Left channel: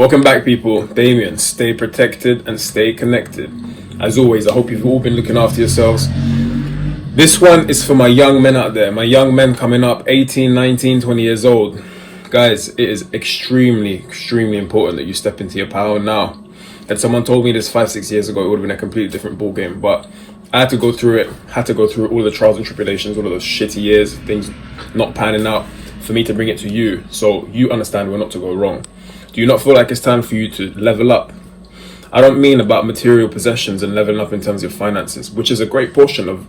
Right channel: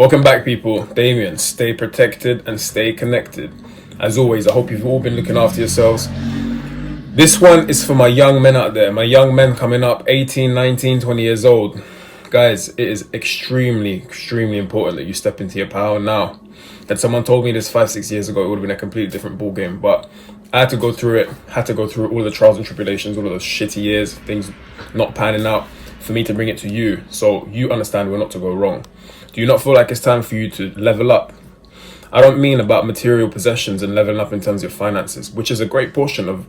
Welcome back, people. Damien, stay protected and stay connected. As always, I hope you've all been looking after yourselves. This one is for my young men out there, my young men coming up 18, 19, 20 years old. Guys, it is extremely important that you step into your power now. That someone told me this 5-6 years ago, it would have been a completely different ball game, but I had to go through it, had to go through all the trials and tribulations, all of those shitty years, things not panning out, for me to bring it to you, so you understand where not to go wrong. Do you not feel like it's time for you to level up? I don't mean about material possessions and leveling up in terms of finances, which is a great portion of,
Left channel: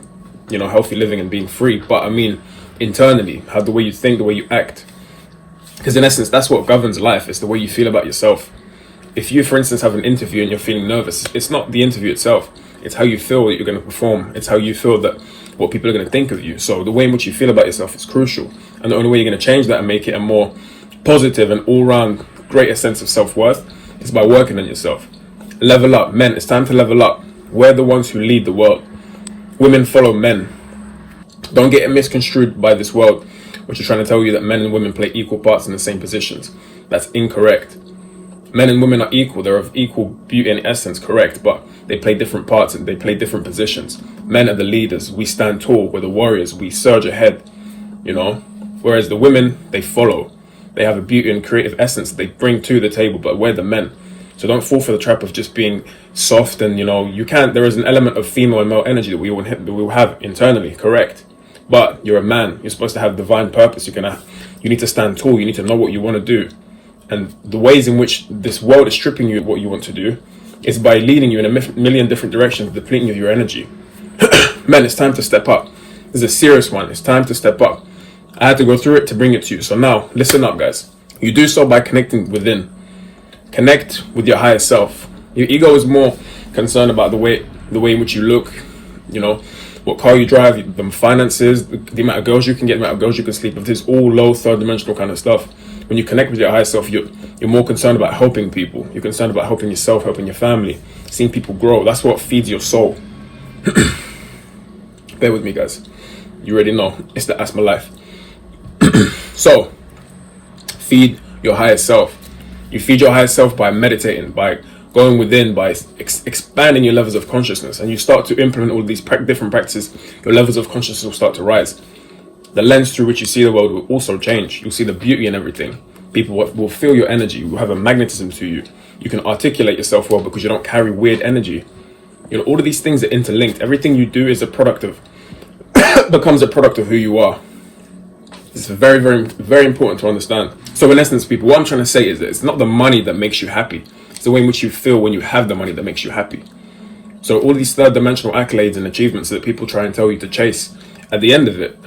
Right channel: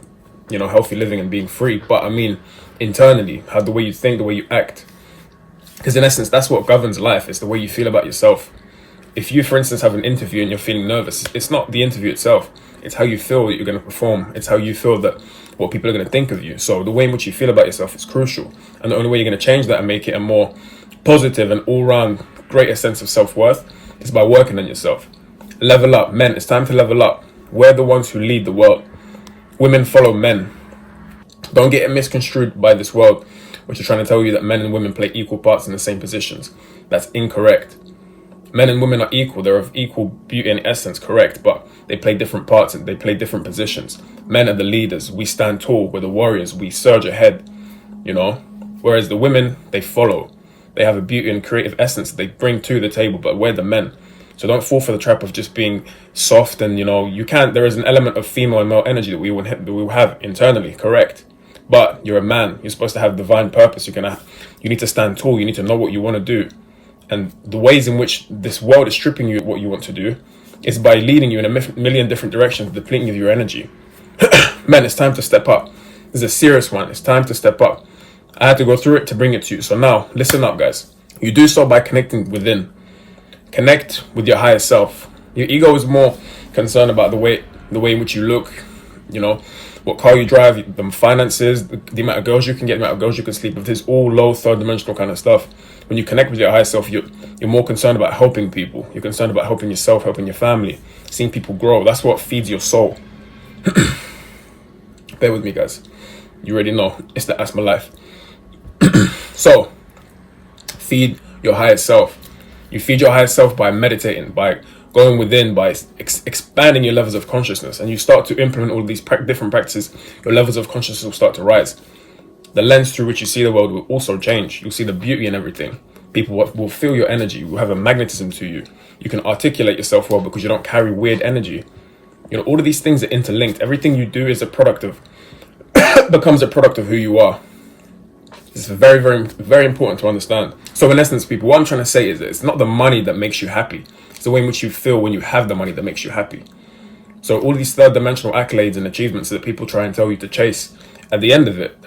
healthy living and being free, but I mean internally, how the way you think, the way you act. Because in essence, that's what governs life. It's the way you feel about yourself. If you, for instance, have an interview and you're feeling nervous, it's not the interview itself. It's how you feel that you're going to perform. It's how you feel that what people are going to think of you. So the way in which you feel about yourself is crucial. And the only way you're going to change that and make it a more positive and all-round greater sense of self-worth is by working on yourself. Level up. Men, it's time to level up. We're the ones who lead the world. Women follow men. Don't get it misconstrued by this world, which is trying to tell you that men and women play equal parts in the same positions. That's incorrect. Men and women are equal. They're of equal beauty and essence, correct, but they play different parts and they play different positions. Men are the leaders. We stand tall. We're the warriors. We surge ahead, Whereas the women, they follow. They have a beauty and creative essence that they bring to the table, but we're the men. So don't fall for the trap of just being soft and, there is an element of female and male energy that we will have internally, correct? But you're a man. You're supposed to have divine purpose. You need to stand tall. You need to know what you want to do. And the ways in which this world is stripping you of what you want to do is by leading you in a million different directions, depleting of your energy. Man, it's time to step up. This is a serious one. It's time to step up. I had to go through it to bring it to you. So now, listen up, guys. You do so by connecting within. Connect with your higher self. Your ego is more concerned about the way in which you look, what car you drive, the finances, the amount of girls you can get, the amount of girls you can sleep with. This is all low, third-dimensional kind of stuff. When you connect with your higher self, you're more concerned about helping people. You're concerned about helping yourself, helping your family, seeing people grow. That's what feeds your soul. Bear with me, guys. You already know. It's the Asthma life. So, feed your higher self. You feed your higher self by meditating, by going within, by expanding your levels of consciousness. And you start to implement all these different practices, your levels of consciousness will start to rise. The lens through which you see the world will also change. You'll see the beauty in everything. People will feel your energy. You will have a magnetism to you. You can articulate yourself well because you don't carry weird energy. All of these things are interlinked. Everything you do is becomes a product of who you are. It's very, very, very important to understand. So in essence, people, what I'm trying to say is that it's not the money that makes you happy. It's the way in which you feel when you have the money that makes you happy. So all these third-dimensional accolades and achievements that people try and tell you to chase, at the end of it,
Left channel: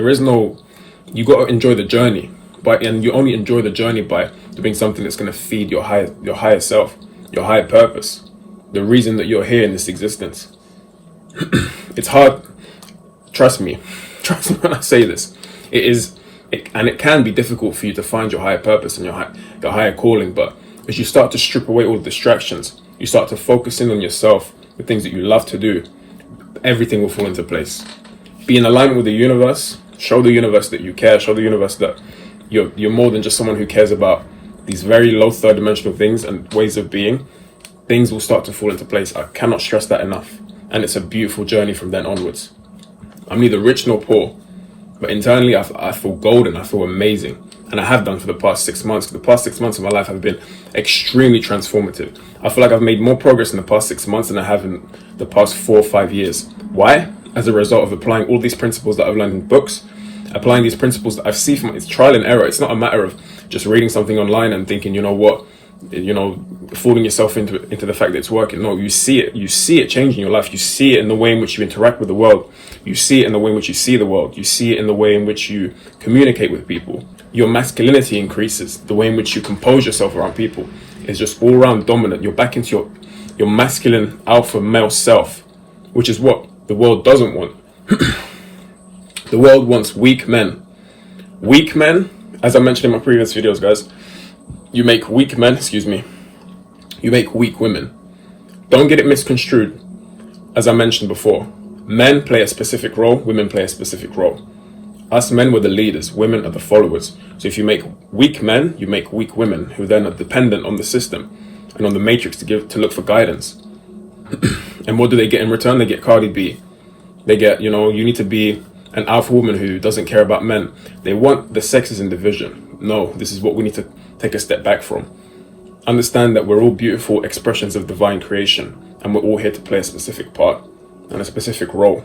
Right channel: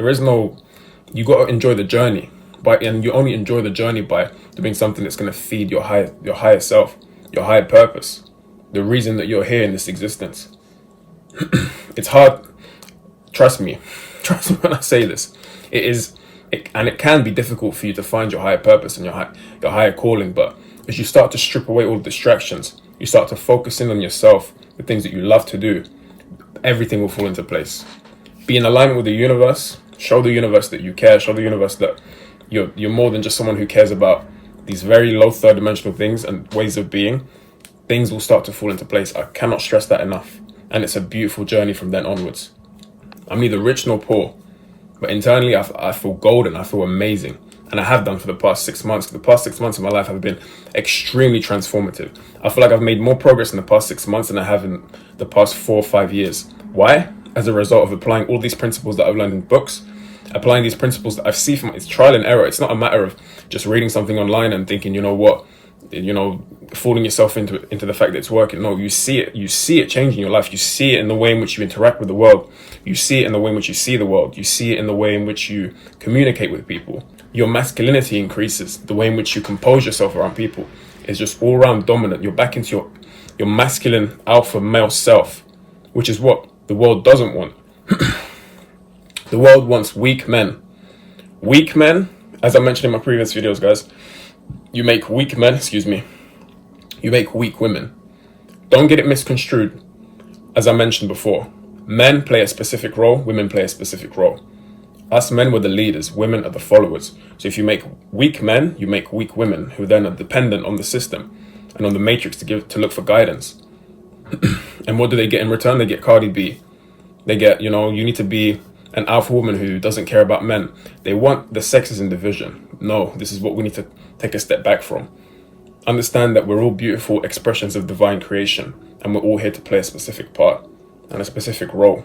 you got to enjoy the journey. And you only enjoy the journey by doing something that's going to feed your higher self, your higher purpose, the reason that you're here in this existence. It's hard. Trust me when I say this. And it can be difficult for you to find your higher purpose and your higher calling, but as you start to strip away all distractions, you start to focus in on yourself, the things that you love to do, everything will fall into place. Be in alignment with the universe, show the universe that you care, show the universe that you're more than just someone who cares about these very low third-dimensional things and ways of being. Things will start to fall into place. I cannot stress that enough. And it's a beautiful journey from then onwards. I'm neither rich nor poor, but internally I feel golden, I feel amazing. And I have done for the past 6 months. The past 6 months of my life have been extremely transformative. I feel like I've made more progress in the past 6 months than I have in the past 4 or 5 years. Why? As a result of applying all these principles that I've learned in books, applying these principles that I've seen from it's trial and error. It's not a matter of just reading something online and thinking, fooling yourself into the fact that it's working. No, you see it changing your life. You see it in the way in which you interact with the world. You see it in the way in which you see the world. You see it in the way in which you communicate with people. Your masculinity increases. The way in which you compose yourself around people is just all around dominant. You're back into your masculine alpha male self, which is what the world doesn't want. The world wants weak men. Weak men, as I mentioned in my previous videos, guys, you make weak men, you make weak women. Don't get it misconstrued. As I mentioned before, men play a specific role, women play a specific role. Us men were the leaders, women are the followers. So if you make weak men, you make weak women who then are dependent on the system. and on the matrix to look for guidance. And what do they get in return? They get Cardi B. They get, you need to be an alpha woman who doesn't care about men. They want the sexes in division. No, this is what we need to take a step back from. Understand that we're all beautiful expressions of divine creation, and we're all here to play a specific part and a specific role.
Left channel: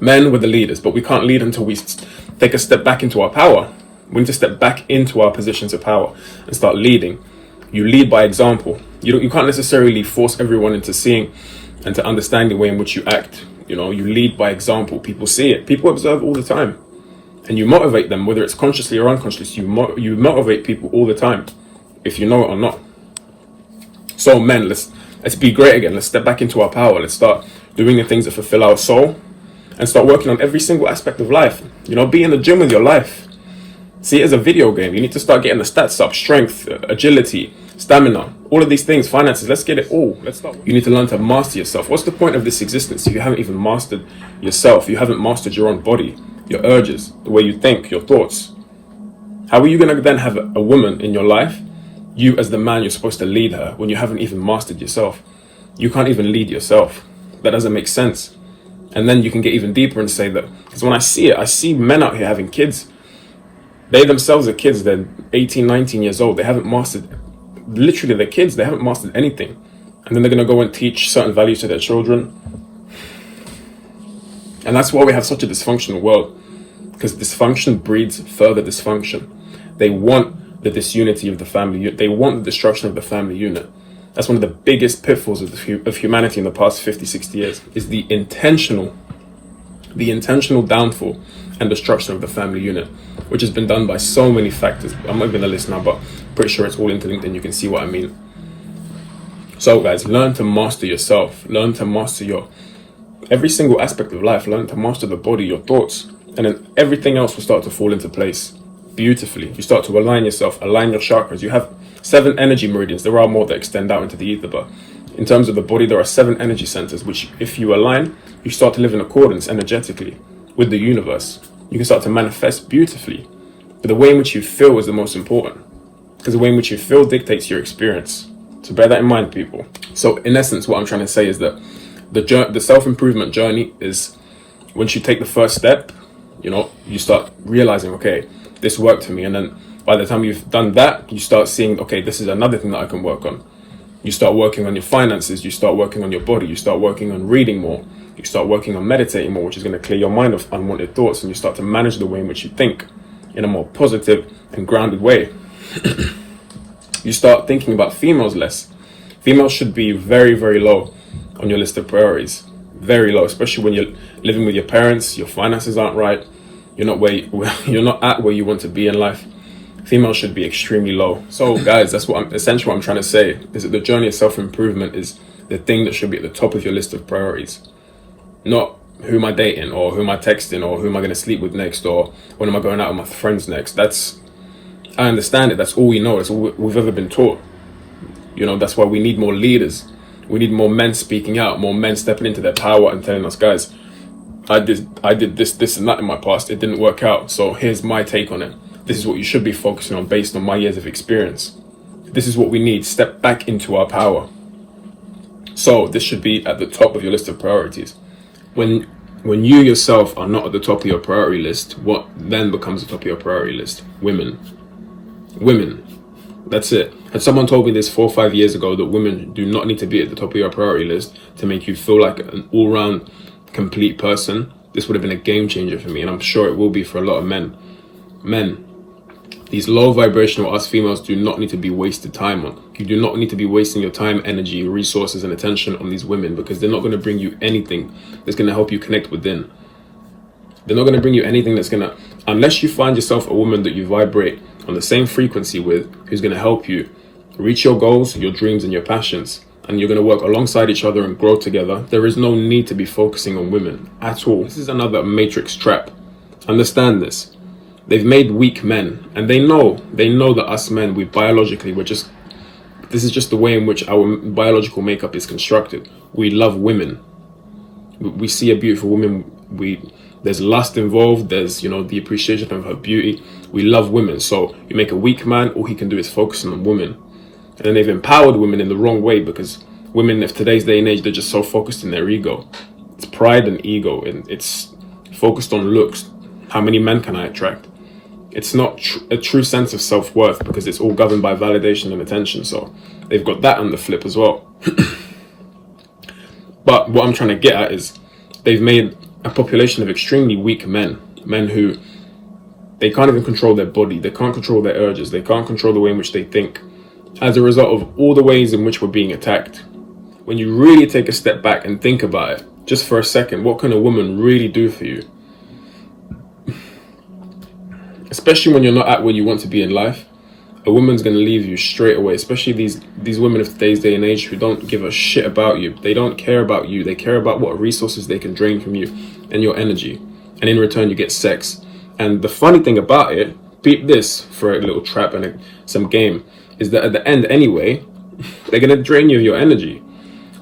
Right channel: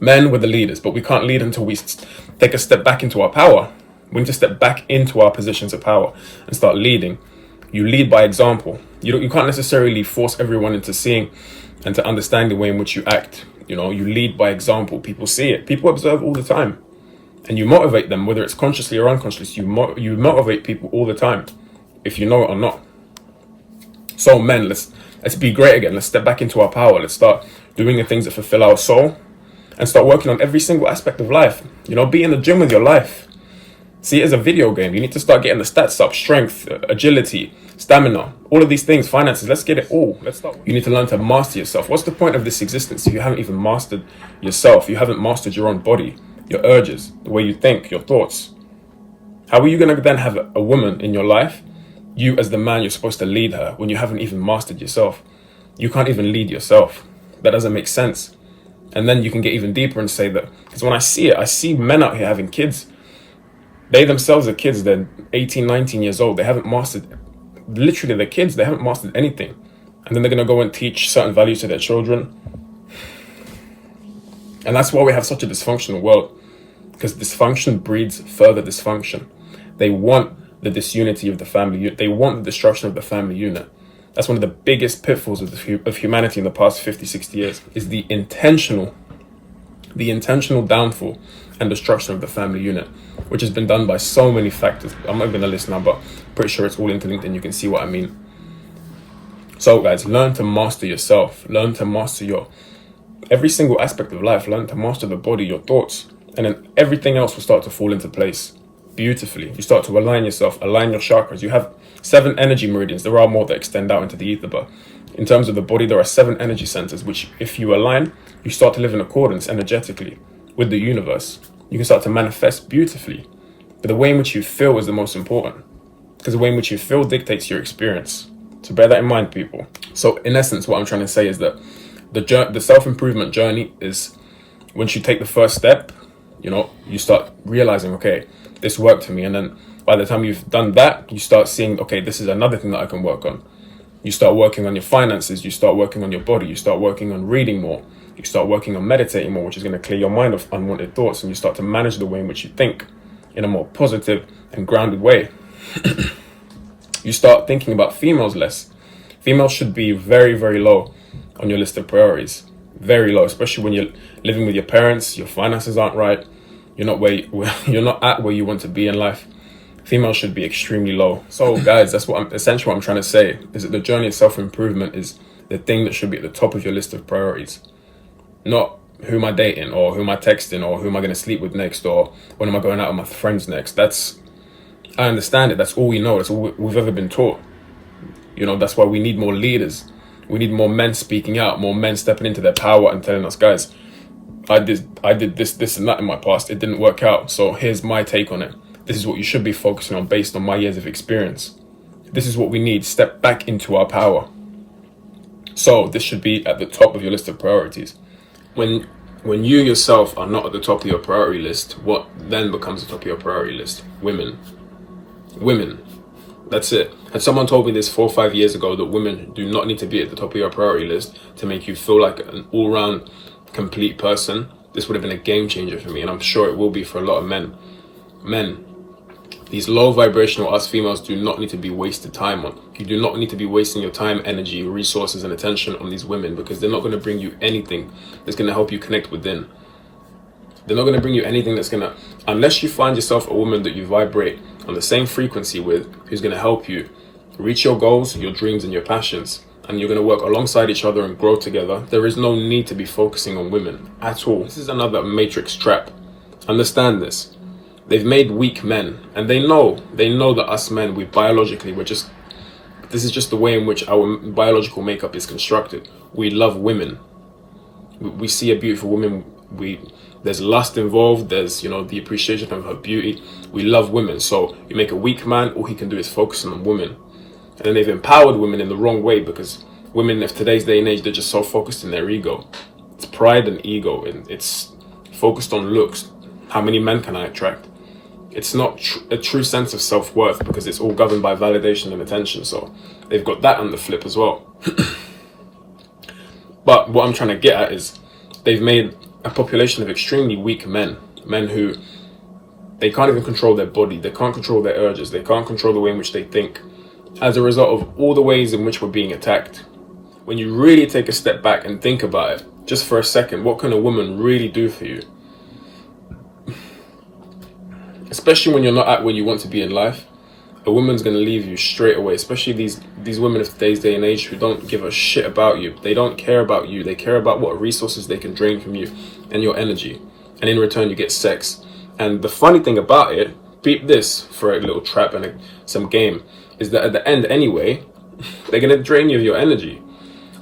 Men were the leaders, but we can't lead until we take a step back into our power. We need to step back into our positions of power and start leading. You lead by example. You can't necessarily force everyone into seeing and to understand the way in which you act. You lead by example. People see it. People observe all the time. And you motivate them, whether it's consciously or unconsciously. You motivate people all the time, if you know it or not. So men, let's be great again. Let's step back into our power. Let's start doing the things that fulfill our soul and start working on every single aspect of life. Be in the gym with your life. See it as a video game. You need to start getting the stats up, strength, agility, stamina, all of these things, finances. Let's get it all. You need to learn to master yourself. What's the point of this existence if you haven't even mastered yourself? You haven't mastered your own body, your urges, the way you think, your thoughts. How are you going to then have a woman in your life, you as the man, you're supposed to lead her, when you haven't even mastered yourself? You can't even lead yourself. That doesn't make sense. And then you can get even deeper and say that, because when I see men out here having kids. They themselves are kids. They're 18, 19 years old. They haven't mastered, literally they're kids. They haven't mastered anything. And then they're going to go and teach certain values to their children. And that's why we have such a dysfunctional world. Because dysfunction breeds further dysfunction. They want the disunity of the family. They want the destruction of the family unit. That's one of the biggest pitfalls of humanity in the past 50, 60 years, is the intentional downfall and destruction of the family unit, which has been done by so many factors. I'm not even going to list now, but pretty sure it's all interlinked and you can see what I mean. So guys, learn to master yourself. Learn to master every single aspect of life. Learn to master the body, your thoughts, and then everything else will start to fall into place beautifully. You start to align yourself, align your chakras. You have 7 energy meridians. There are more that extend out into the ether, but in terms of the body, there are 7 energy centers, which if you align, you start to live in accordance energetically with the universe. You can start to manifest beautifully. But the way in which you feel is the most important, because the way in which you feel dictates your experience. So bear that in mind, people. So in essence, what I'm trying to say is that the self-improvement journey is once you take the first step, you start realizing, okay, this worked for me. And then by the time you've done that, you start seeing, okay, this is another thing that I can work on. You start working on your finances. You start working on your body. You start working on reading more. You start working on meditating more, which is going to clear your mind of unwanted thoughts, and you start to manage the way in which you think in a more positive and grounded way. You start thinking about females less. Females should be very, very low on your list of priorities. Very low, especially when you're living with your parents, your finances aren't right, you're not at where you want to be in life. Females should be extremely low. So guys, that's what I'm trying to say, is that the journey of self-improvement is the thing that should be at the top of your list of priorities. Not who am I dating, or who am I texting, or who am I going to sleep with next, or when am I going out with my friends next. I understand it. That's all we know. That's all we've ever been taught. That's why we need more leaders. We need more men speaking out, more men stepping into their power and telling us, guys, I did this and that in my past. It didn't work out. So here's my take on it. This is what you should be focusing on based on my years of experience. This is what we need. Step back into our power. So this should be at the top of your list of priorities. When you yourself are not at the top of your priority list, what then becomes the top of your priority list? Women. That's it. Had someone told me this 4 or 5 years ago, that women do not need to be at the top of your priority list to make you feel like an all-round complete person, this would have been a game changer for me, and I'm sure it will be for a lot of men. These low vibrational us females do not need to be wasted time on. You do not need to be wasting your time, energy, resources, and attention on these women, because they're not going to bring you anything that's going to help you connect within. They're not going to bring you anything that's going to, unless you find yourself a woman that you vibrate on the same frequency with, who's going to help you reach your goals, your dreams, and your passions, and you're going to work alongside each other and grow together. There is no need to be focusing on women at all. This is another matrix trap. Understand this. They've made weak men, and they know that us men, this is just the way in which our biological makeup is constructed. We love women. We see a beautiful woman, there's lust involved, there's, the appreciation of her beauty. We love women. So you make a weak man, all he can do is focus on women. And then they've empowered women in the wrong way, because women of today's day and age, they're just so focused in their ego. It's pride and ego, and it's focused on looks. How many men can I attract? It's not a true sense of self-worth, because it's all governed by validation and attention. So they've got that on the flip as well. But what I'm trying to get at is they've made a population of extremely weak men who, they can't even control their body, they can't control their urges, they can't control the way in which they think, as a result of all the ways in which we're being attacked. When you really take a step back and think about it, just for a second, what can a woman really do for you? Especially when you're not at where you want to be in life, a woman's going to leave you straight away, especially these women of today's day and age who don't give a shit about you. They don't care about you. They care about what resources they can drain from you and your energy. And in return, you get sex. And the funny thing about it, beat this for a little trap and some game, is that at the end anyway, they're going to drain you of your energy.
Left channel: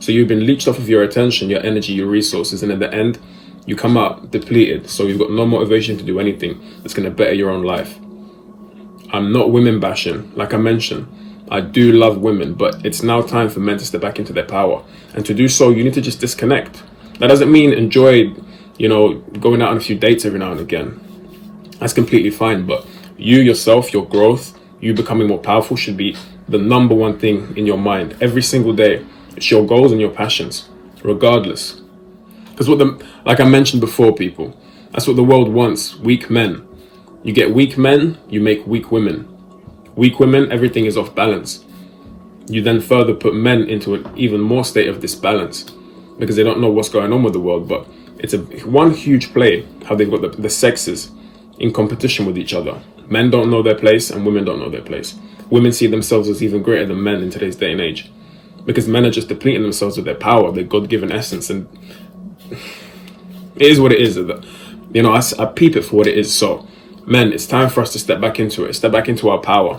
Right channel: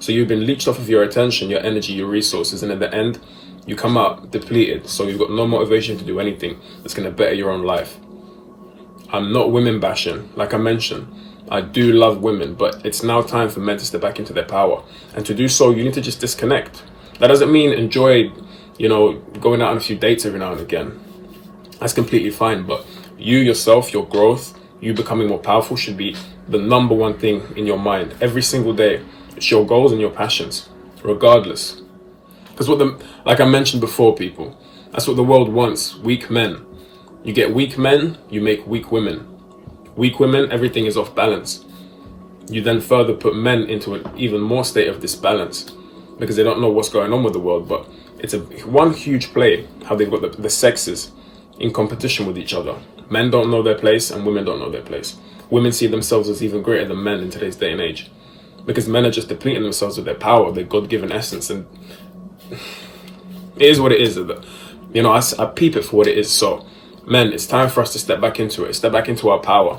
So you've been leached off of your attention, your energy, your resources. And at the end, you come out depleted. So you've got no motivation to do anything that's going to better your own life. I'm not women bashing. Like I mentioned, I do love women, but it's now time for men to step back into their power. And to do so, you need to just disconnect. That doesn't mean enjoy, going out on a few dates every now and again. That's completely fine. But you yourself, your growth, you becoming more powerful should be the number one thing in your mind every single day. It's your goals and your passions, regardless. Because like I mentioned before, people, that's what the world wants, weak men. You get weak men, you make weak women. Weak women, everything is off balance. You then further put men into an even more state of disbalance, because they don't know what's going on with the world. But it's one huge play, how they've got the sexes in competition with each other. Men don't know their place and women don't know their place. Women see themselves as even greater than men in today's day and age, because men are just depleting themselves of their power, their God-given essence. And it is what it is. I peep it for what it is. So men, it's time for us to step back into it, step back into our power.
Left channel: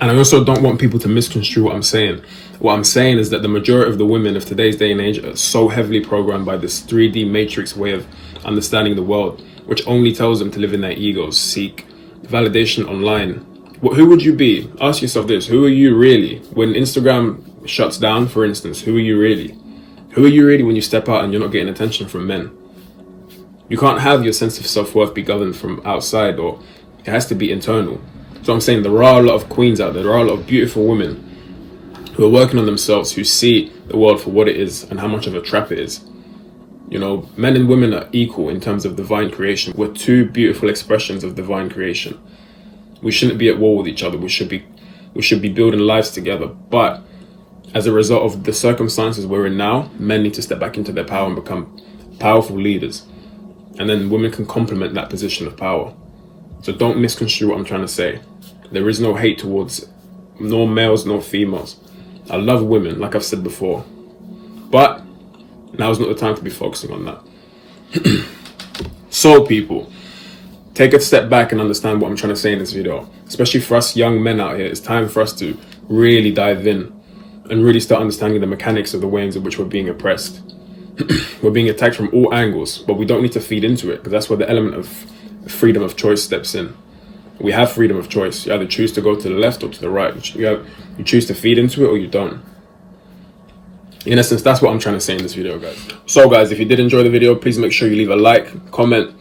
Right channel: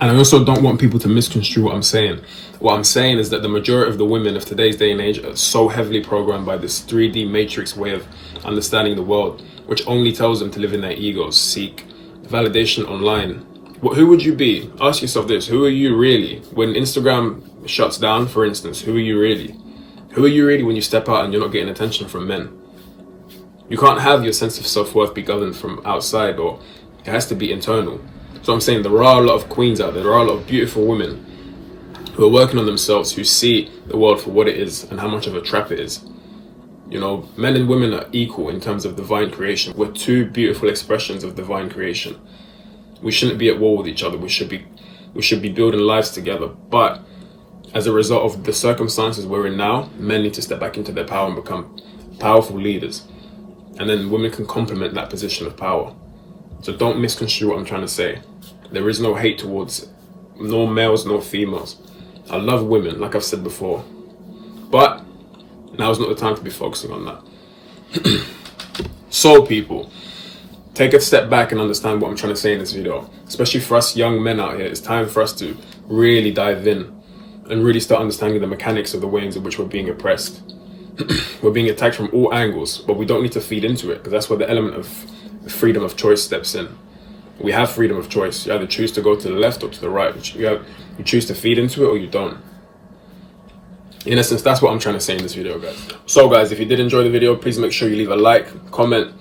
And I also don't want people to misconstrue what I'm saying. What I'm saying is that the majority of the women of today's day and age are so heavily programmed by this 3D matrix way of understanding the world, which only tells them to live in their egos, seek validation online. Who would you be? Ask yourself this: who are you really? When Instagram shuts down, for instance, who are you really? Who are you really when you step out and you're not getting attention from men? You can't have your sense of self-worth be governed from outside, or it has to be internal. So I'm saying there are a lot of queens out there. There are a lot of beautiful women who are working on themselves, who see the world for what it is and how much of a trap it is. Men and women are equal in terms of divine creation. We're two beautiful expressions of divine creation. We shouldn't be at war with each other. We should be building lives together. But as a result of the circumstances we're in now, men need to step back into their power and become powerful leaders. And then women can complement that position of power. So don't misconstrue what I'm trying to say. There is no hate towards nor males nor females. I love women, like I've said before. But now is not the time to be focusing on that. So people, take a step back and understand what I'm trying to say in this video. Especially for us young men out here, it's time for us to really dive in and really start understanding the mechanics of the ways in which we're being oppressed. We're being attacked from all angles, but we don't need to feed into it, because that's where the element of freedom of choice steps in. We have freedom of choice. You either choose to go to the left or to the right. You choose to feed into it or you don't. In essence, that's what I'm trying to say in this video, guys. So guys, if you did enjoy the video, please make sure you leave a like, comment.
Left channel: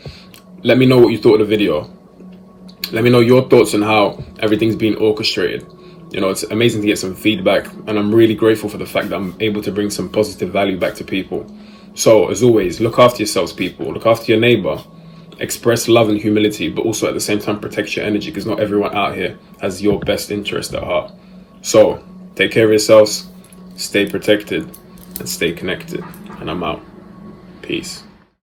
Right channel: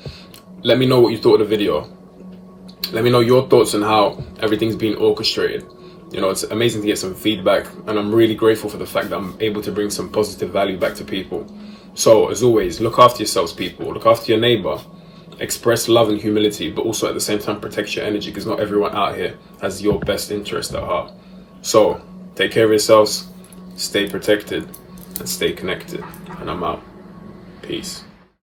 Let me know what you thought of the video. Let me know your thoughts on how everything's being orchestrated. It's amazing to get some feedback, and I'm really grateful for the fact that I'm able to bring some positive value back to people. So as always, look after yourselves, people. Look after your neighbor. Express love and humility, but also at the same time protect your energy, because not everyone out here has your best interest at heart. So take care of yourselves, stay protected, and stay connected. And I'm out. Peace.